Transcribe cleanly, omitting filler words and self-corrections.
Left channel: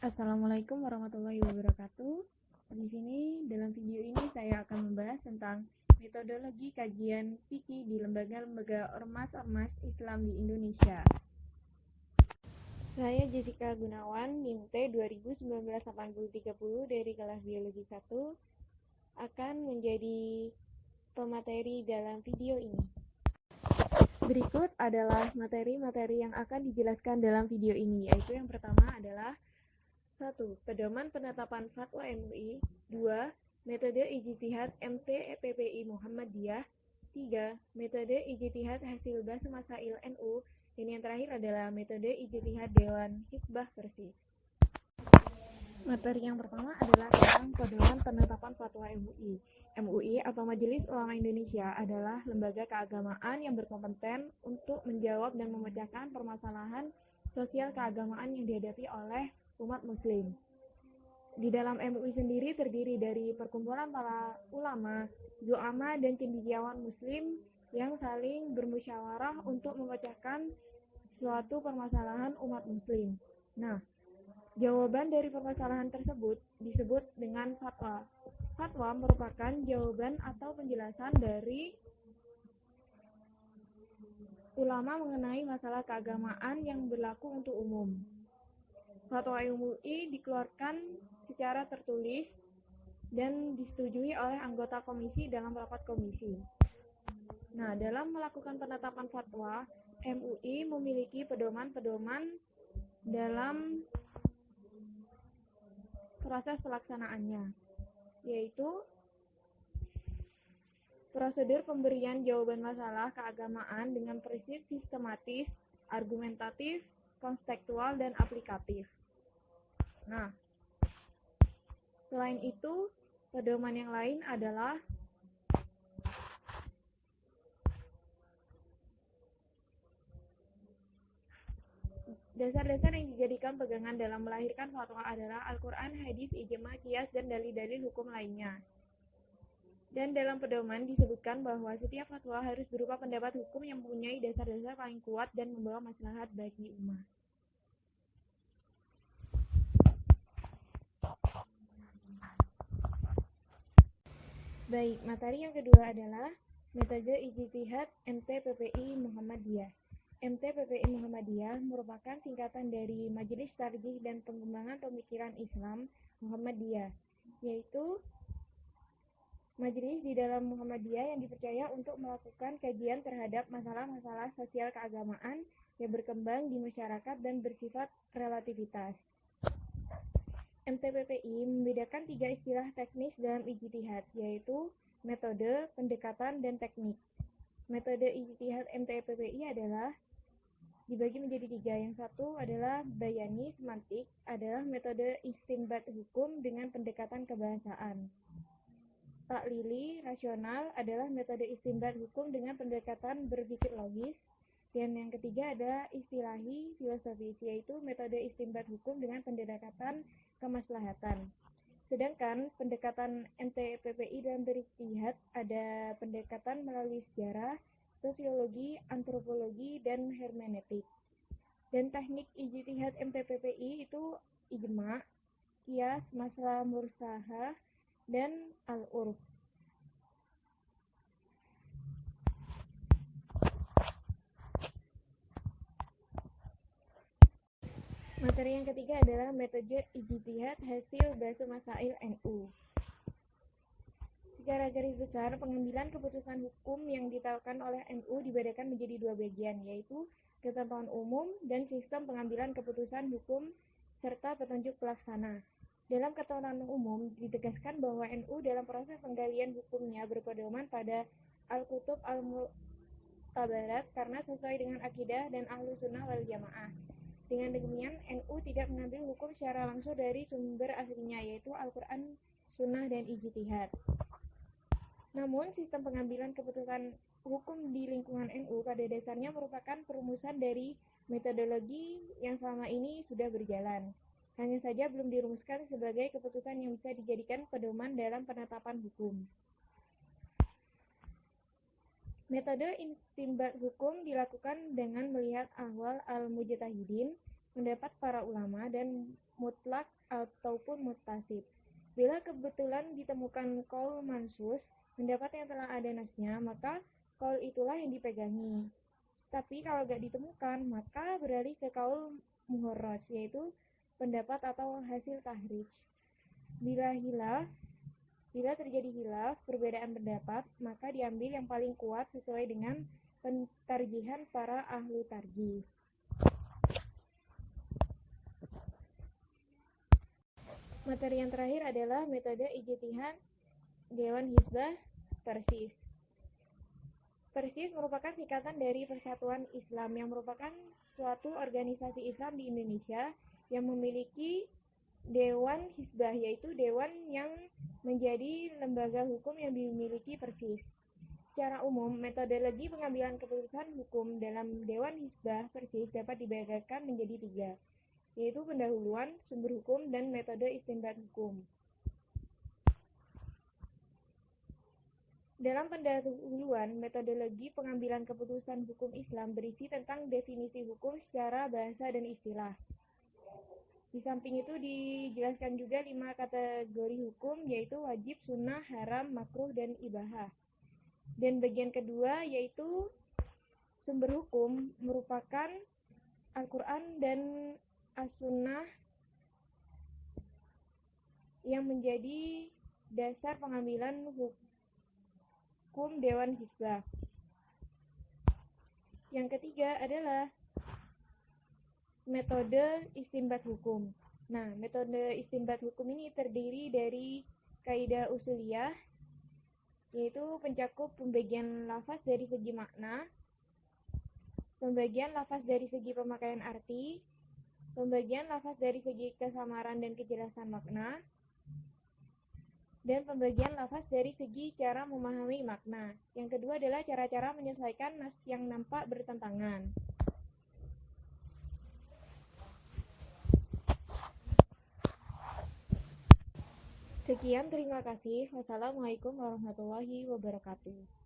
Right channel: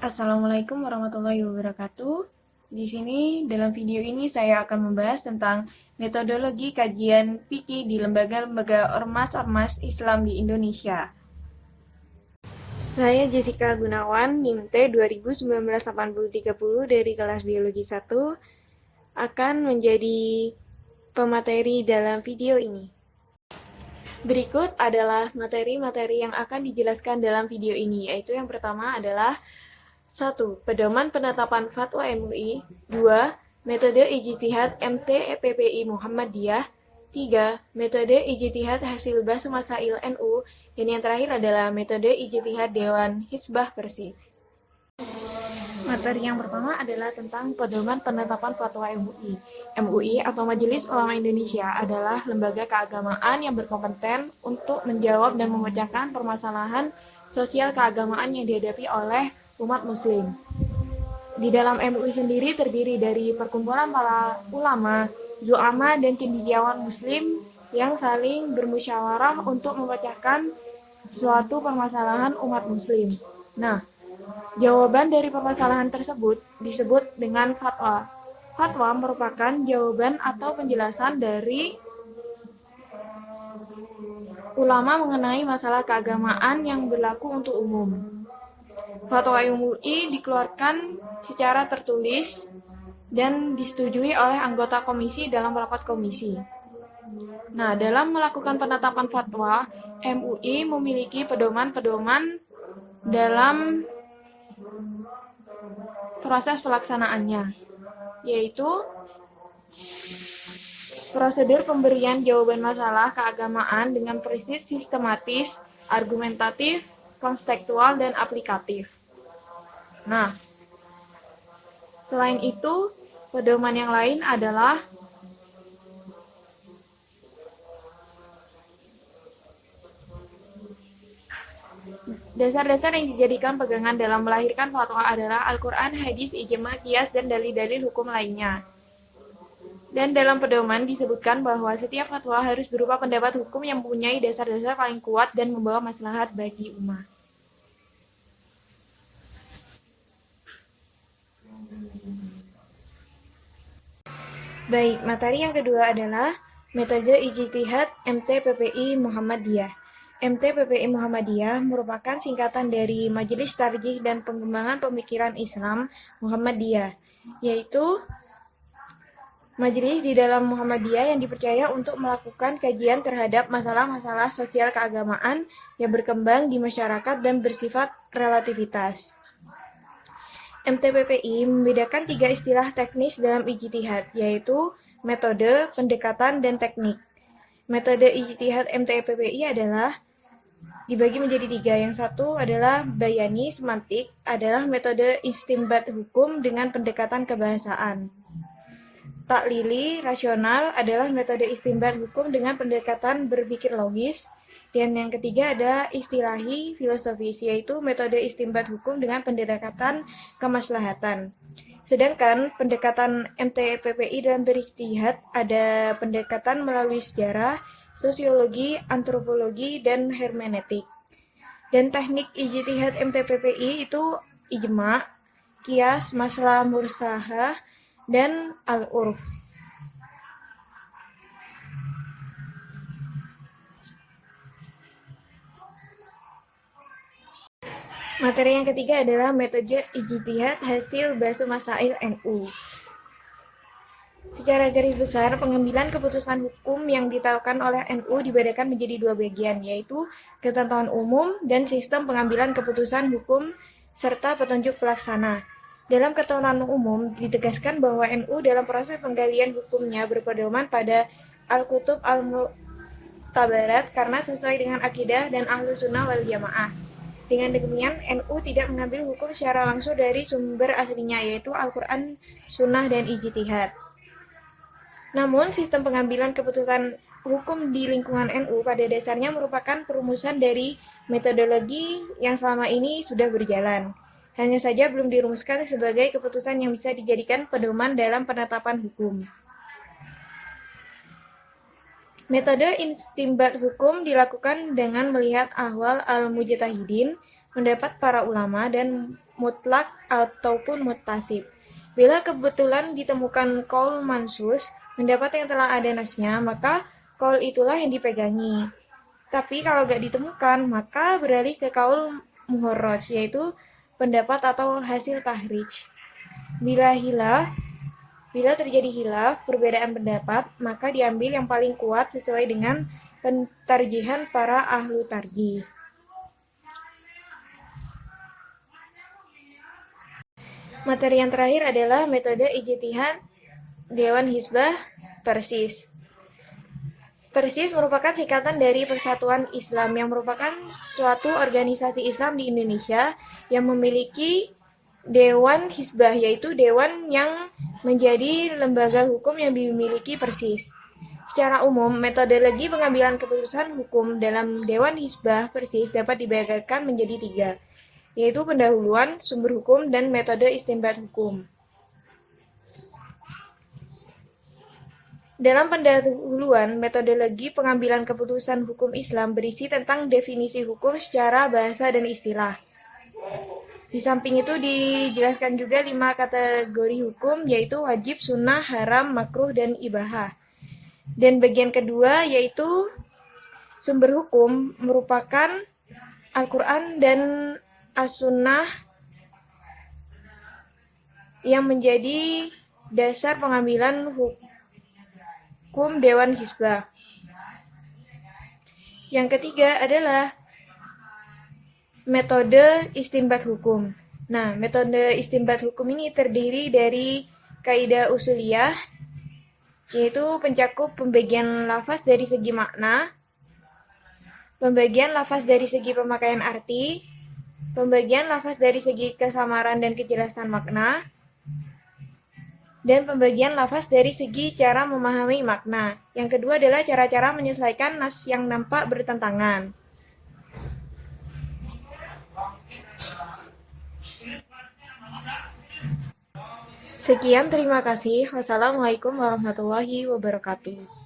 Assalamualaikum warahmatullahi wabarakatuh. Di sini dalam video ini saya akan membahas tentang metodologi kajian fikih di lembaga-lembaga ormas-ormas Islam di Indonesia. Saya Jessica Gunawan, NIM T 2019-8030 dari kelas Biologi 1, akan menjadi pemateri dalam video ini. Berikut adalah materi-materi yang akan dijelaskan dalam video ini, yaitu yang pertama adalah 1. Pedoman penetapan fatwa MUI. 2. Metode ijtihad MT/PPI Muhammadiyah. 3. Metode ijtihad hasil bahas masail NU. Dan yang terakhir adalah metode ijtihad Dewan Hizbah Persis. Materi yang pertama adalah tentang pedoman penetapan fatwa MUI. MUI atau Majelis Ulama Indonesia adalah lembaga keagamaan yang berkompeten untuk menjawab dan memecahkan permasalahan sosial keagamaan yang dihadapi oleh umat muslim. Di dalam MUI sendiri terdiri dari perkumpulan para ulama, zu'ama, dan cendekiawan muslim yang saling bermusyawarah untuk memecahkan suatu permasalahan umat muslim. Nah, jawaban dari permasalahan tersebut disebut dengan fatwa. Fatwa merupakan jawaban atau penjelasan dari ulama mengenai masalah keagamaan yang berlaku untuk umum. Fatwa MUI dikeluarkan secara tertulis dan disetujui oleh anggota komisi dalam rapat komisi. Nah, dalam melakukan penetapan fatwa, MUI memiliki pedoman-pedoman dalam proses pelaksanaannya, yaitu prosedur pemberian jawaban masalah keagamaan dengan presis, sistematis, argumentatif, konstekstual, dan aplikatif. Nah, selain itu, pedoman yang lain adalah dasar-dasar yang dijadikan pegangan dalam melahirkan fatwa adalah Al-Quran, hadis, ijma, qiyas, dan dalil-dalil hukum lainnya. Dan dalam pedoman disebutkan bahwa setiap fatwa harus berupa pendapat hukum yang mempunyai dasar-dasar paling kuat dan membawa maslahat bagi umat. Baik, materi yang kedua adalah metode ijtihad MT/PPI Muhammadiyah. MT/PPI Muhammadiyah merupakan singkatan dari Majelis Tarjih dan Pengembangan Pemikiran Islam Muhammadiyah, yaitu majelis di dalam Muhammadiyah yang dipercaya untuk melakukan kajian terhadap masalah-masalah sosial keagamaan yang berkembang di masyarakat dan bersifat relativitas. MT/PPI membedakan 3 istilah teknis dalam ijtihad, yaitu metode, pendekatan, dan teknik. Metode ijtihad MT/PPI adalah dibagi menjadi 3. Yang satu adalah bayani semantik, adalah metode istinbat hukum dengan pendekatan kebahasaan. Taklili rasional adalah metode istinbat hukum dengan pendekatan berpikir logis. Dan yang ketiga ada istilahi filosofis, yaitu metode istinbat hukum dengan pendekatan kemaslahatan. Sedangkan pendekatan MT/PPI dalam berijtihad ada pendekatan melalui sejarah, sosiologi, antropologi, dan hermeneutik. Dan teknik ijtihad MT/PPI itu ijma, qiyas, masalah mursalah, dan al-urf. Materi yang ketiga adalah metode ijtihad hasil bahas masail NU. Secara garis besar, pengambilan keputusan hukum yang ditetapkan oleh NU dibedakan menjadi 2 bagian, yaitu ketentuan umum dan sistem pengambilan keputusan hukum serta petunjuk pelaksana. Dalam ketentuan umum, ditegaskan bahwa NU dalam proses penggalian hukumnya berpedoman pada Al-Kutub Al-Mu'tabarat karena sesuai dengan akidah dan Ahlus Sunnah wal Jamaah. Dengan demikian, NU tidak mengambil hukum secara langsung dari sumber aslinya, yaitu Al-Quran, Sunnah, dan ijtihad. Namun, sistem pengambilan keputusan hukum di lingkungan NU pada dasarnya merupakan perumusan dari metodologi yang selama ini sudah berjalan. Hanya saja belum dirumuskan sebagai keputusan yang bisa dijadikan pedoman dalam penetapan hukum. Metode istinbat hukum dilakukan dengan melihat ahwal al-mujtahidin, mendapat para ulama, dan mutlak ataupun muttasib. Bila kebetulan ditemukan qaul mansus, pendapat yang telah ada nasnya, maka qaul itulah yang dipegangi. Tapi kalau gak ditemukan, maka beralih ke qaul muharraj, yaitu pendapat atau hasil tahrij. Bila terjadi hilaf, perbedaan pendapat, maka diambil yang paling kuat sesuai dengan pentarjihan para ahlu tarjih. Materi yang terakhir adalah metode ijtihad Dewan Hizbah Persis. Persis merupakan singkatan dari Persatuan Islam, yang merupakan suatu organisasi Islam di Indonesia yang memiliki Dewan Hizbah, yaitu dewan yang menjadi lembaga hukum yang dimiliki Persis. Secara umum, metodologi pengambilan keputusan hukum dalam Dewan Hizbah Persis dapat dibedakan menjadi 3, yaitu pendahuluan, sumber hukum, dan metode istinbat hukum. Dalam pendahuluan, metodologi pengambilan keputusan hukum Islam berisi tentang definisi hukum secara bahasa dan istilah. Di samping itu dijelaskan juga 5 kategori hukum, yaitu wajib, sunnah, haram, makruh, dan ibahah. Dan bagian kedua yaitu sumber hukum merupakan Al-Quran dan As-Sunnah yang menjadi dasar pengambilan hukum Dewan Hizbah. Yang ketiga adalah metode istinbat hukum. Nah, metode istinbat hukum ini terdiri dari kaidah usuliyah, yaitu pencakup pembagian lafaz dari segi makna, pembagian lafaz dari segi pemakaian arti, pembagian lafaz dari segi kesamaran dan kejelasan makna, dan pembagian lafaz dari segi cara memahami makna. Yang kedua adalah cara-cara menyelesaikan nas yang nampak bertentangan. Sekian, terima kasih. Wassalamualaikum warahmatullahi wabarakatuh.